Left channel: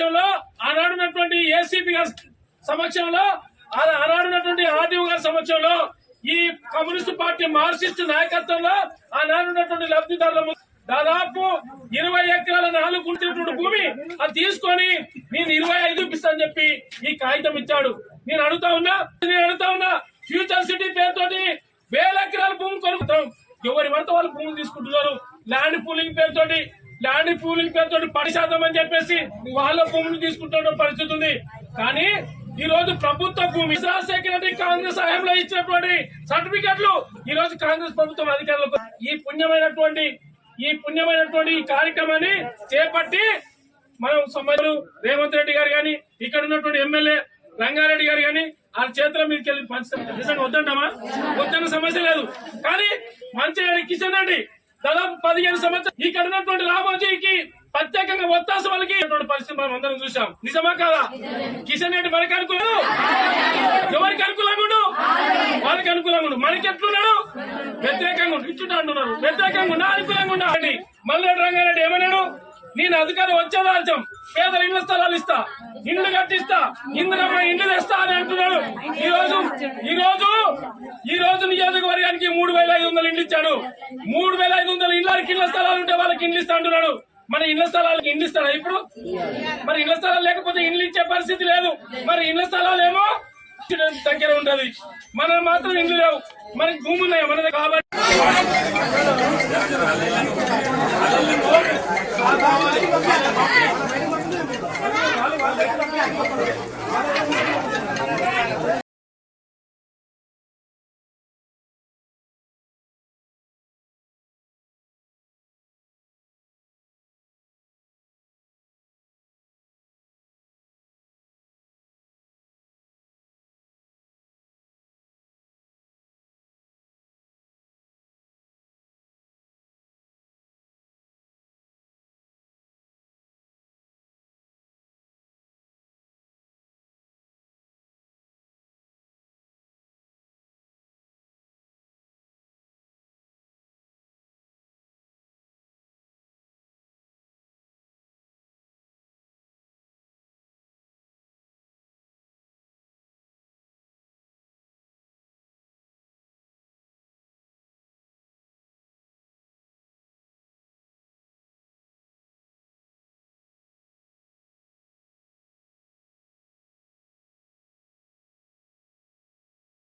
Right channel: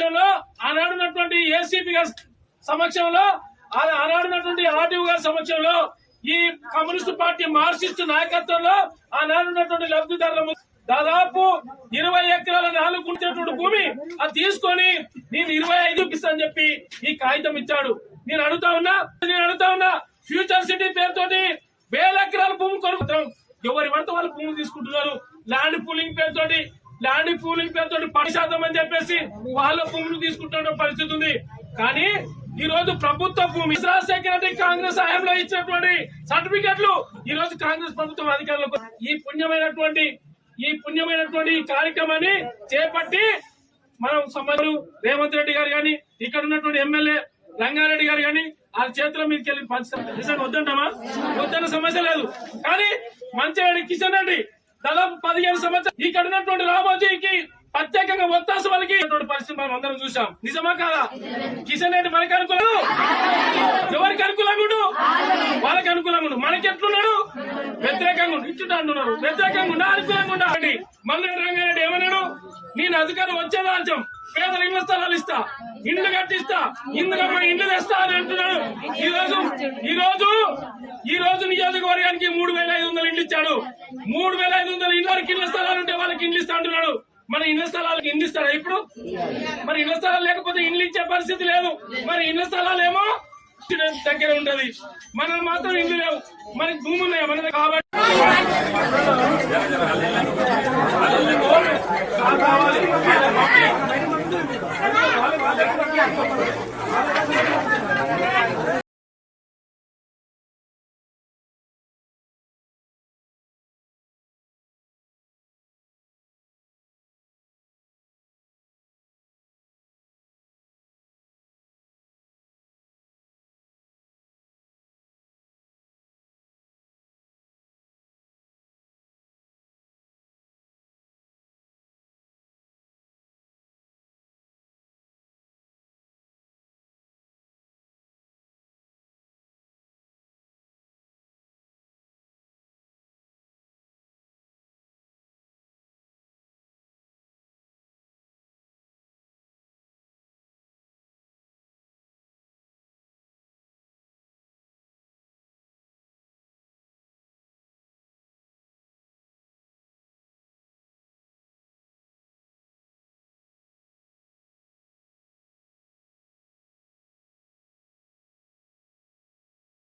సమక్షంలో ఆనాడున్నటువంటి ఏసీపీ గారి సమక్షంలో ఆ- ఆనాడున్నటువంటి ఆర్డీఓ గారి సమక్షంలో ఈ కమ్యూనిస్ట్ పార్టీ మార్క్సిస్ట్ నాయకత్వంలో ఆనాడున్నటువంటి లబ్ధిదారుల దాదాపు ఇరవై ఎకరాల నాలుగు గుంటటువంటి భూమి అది తీసుకొని నేను ఇరవై ఐదు ఇస్తానని చెప్పి ఈ కాగితం ఇచ్చాడు. నేను అడుగుతా ఉన్నా నేను అడుగుతా ఉన్నా ఫ్యూచర్ సిటీ పేరుతోటి వేల ఎకరాల భూమి కొనుక్కుంటాం ఎవరి పడితే వాళ్ళు భూమి తీసుకుంటున్నారు? ల్యాండ్ పూలింగ్ పేరుతోటి ల్యాండ్ పూలింగ్ పేరుతోటి పది శాతం అని చెప్పేసి వాళ్ళ భూములు తీసుకుంటున్న పరిస్థితి ఉంది. కానీ ఈ రోజు ప్రభుత్వ భూమి రాజశేఖర కాంగ్రెస్ హయాంలో ఇచ్చినటువంటి సర్టిఫికెట్లు ఈ రోజు కాంగ్రెస్ ప్రభుత్వం అధికారులకు ఈ పుణ్యమైనటువంటి ఈ పుణ్యమైనటువంటి ఈ కార్యక్రమాన్ని చేపట్టి మనం సమ్మలు రేవంత్ రెడ్డి గారు కానీ ఇక్కడ ఉన్నటువంటి ఎమ్మెల్యే రంగారెడ్డి గారు కానీ ఆ చేతుల మీదకి వెళ్ళి పంచుతాం నిజంగా వద్దంటామా? వద్దన్న సమస్య లేదు. కానీ మంచి కిషన్ రెడ్డి దాదాపు పదిహేను సంవత్సరాలు. ఇక్కడ ఉన్నటువంటి రామోజీకి ప్రత్యేకంగా ఒత్తాస వాళ్ళకి పరిస్థితి మనం అందరం చూసాం నిజమా కాదా? కిషన్ రెడ్డి మనకి అనుకూలం ఎవరికి అనుకూలంగా ఉండు? వాళ్ళకి అనుకూలంగా ఉండు. మనకి ఎట్లున్నాడు? వ్యతిరేకంగా ఇచ్చుట అంటున్నారు. వ్యతిరేకంగా ఉండా. అనుకూలంగా ఉండా. అండి. మల్లె రంగారెడ్డి ఏమన్నాడు? నేను అధికారం వచ్చే రాజ్యం పేదల ఇళ్ళ స్థలాలు ఇస్తా. ఇండ్లు కట్టిస్తా. ఇందులో ఇండ్లు తెస్తా అని అంటున్నాడు. ఈ రోజు ఈ రోజు ఈ రోజు నియోజకవర్గానికి మూడు ఇండ్లు ఇచ్చాడు. మూడు వేల ఐదు వందల ఇళ్ళకి ఇళ్ళ స్థలాలు ఉంటే వాళ్ళకి ఇండ్లు ఇస్తా అంటున్నాడు. మన ఇళ్ళ స్థలాలకు ఇండ్లు ఇస్తాడా ఇప్పుడు? మరి ఇళ్ళ స్థలాలు లేకపోతే ఇండ్లు ఇచ్చే పరిస్థితి లేదు. మరి ఇళ్ళ స్థలాలు ఏమో దగ్గర ఉంటది. మన మాత్రం ఇండ్లు లేవు. మనకి భూమి ఉన్నాయి మన కాబట్టి